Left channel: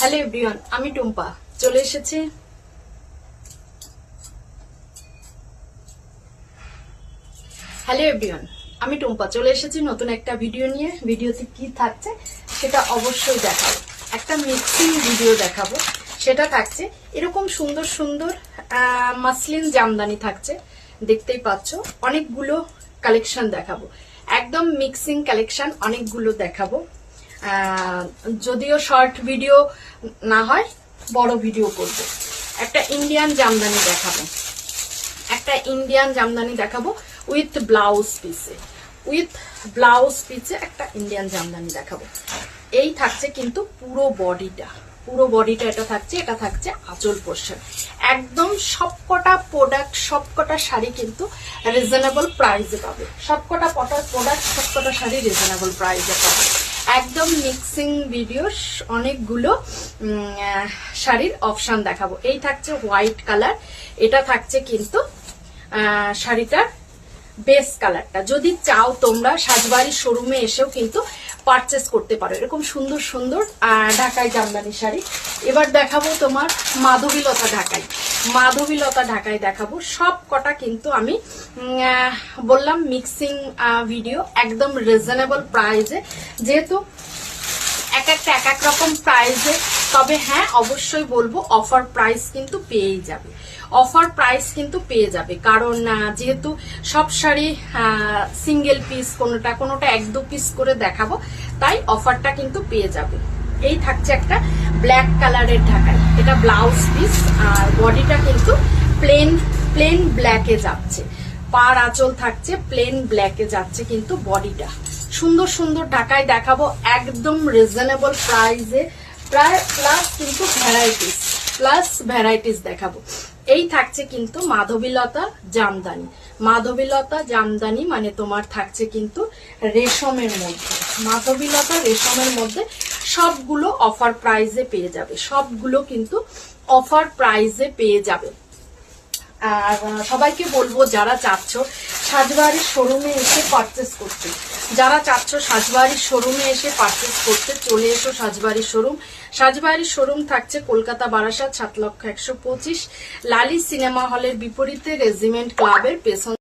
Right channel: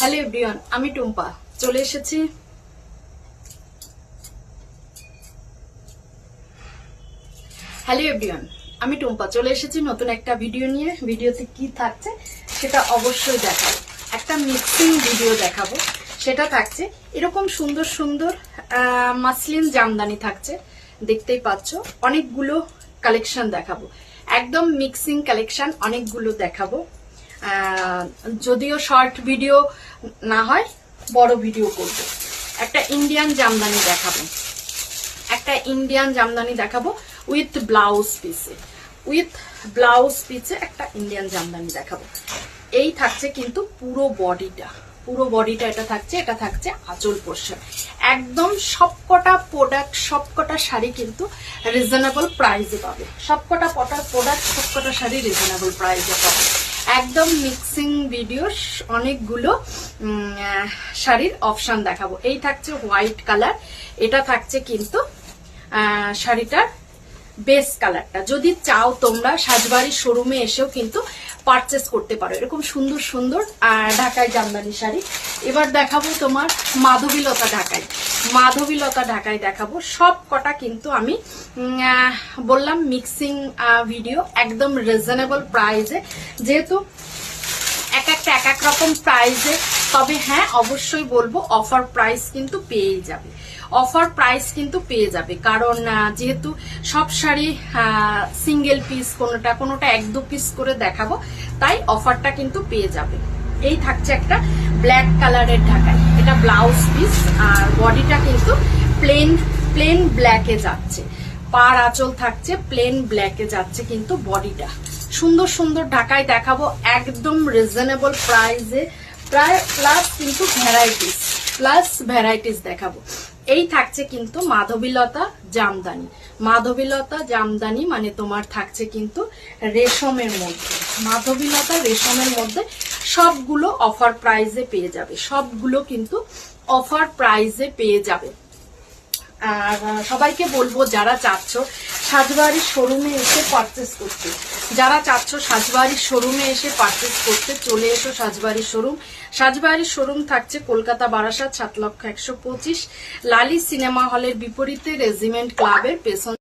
Hello everyone, আমি টুম্পা চলে এসেছি। নতুন একটা ভিডিও নিয়ে। ভিডিওতে কি থাকছে সেটা অবশ্যই দেখাবো। একটা মিক্সিং ভিডিও দেখাবো। সেটা থাকছে এরকম সুন্দর সুন্দর মাসলিন জামদানি থাকছে, দেখতেই পাচ্ছ। অনেকগুলো কালেকশন দেখাবো, একদম মিক্সিং কালেকশন অনেকগুলো দেখাবো। যদিও শর্ট ভিডিও না হয় বড় ভিডিও করব। একটা ইন্ডিয়ান জামদানি দেখাবো উইথ ব্লাউজ পিসে একটা ইন্ডিয়ান জামদানি দেখাবো। এই থাকছে কিন্তু পুরো বডিটা এটা থাকছে আঁচল পোর্শন। একদম সবকটা প্রোডাক্ট, সবকটা শাড়ি কিন্তু রিজনেবল প্রাইসে পাবে। সবকটা প্রোডাক্ট, সবকটা শাড়ি রিজনেবল প্রাইসে পাবে। একদম মিক্সিং ভিডিও, অনেকগুলো শাড়ির অপশন দেখাবো। এই থাকছে হোয়াইট কালার, এটা থাকছে কিন্তু শাড়িটার বেস কালারটা। যদি চাও তোমরা সাজবাড়ির শোরুমে এসেও কিন্তু পারচেস করতে পারো এরকম সুন্দর সুন্দর ঢাকাই জামদানি শাড়ি। এবার দেখাবো তোমার মাধবীলতা ঢাকাই দেখাবো। সব কটা কিন্তু আমি বললাম মিক্সিং ভিডিও, একদম রিজনেবল প্রাইসে। যেহেতু এক এক রকম প্রাইসে, তবে হ্যাঁ অবশ্যই বলবো অফার প্রাইস কিন্তু পেয়ে যাবে। কারণ যেহেতু সব শাড়ি সিঙ্গেল পিস, কোনোটা 1-2 পিস করে দেখাবো, তাই অফারটা কিন্তু পেয়ে যাবে। এই থাকছে একটা ব্ল্যাক কালারের ঢাকাই, এটা ব্লাউজ পিস, আর বডিটা কিন্তু প্লেন ব্ল্যাকে যাচ্ছে। পার আঁচল থাকছে প্লেন ব্ল্যাকে যাচ্ছে কিন্তু বডিটা। সুন্দর সুন্দর ঢাকাই দেখাবো একদম রিজনেবল প্রাইসে, প্লাস কিন্তু ভ্যারাইটিস দেখাবো। এই থাকছে কিন্তু মাধবীলতা জামদানি, মানে তোমার থাকছে কিন্তু রেশমের মধ্যে সবগুলো অফার প্রাইসে পেয়ে যাবে। আর সবাইকে বলবো যারা চাচ্ছ সাজবাড়ির শোরুমে এসে পারচেস করতে, চলে এসো সাজবাড়ির শোরুম থাকছে কলকাতা বারাসাত 7,125, লালি সিনেমা হলের বিপরীতে রেজিমেন্ট ক্লাবের পেছন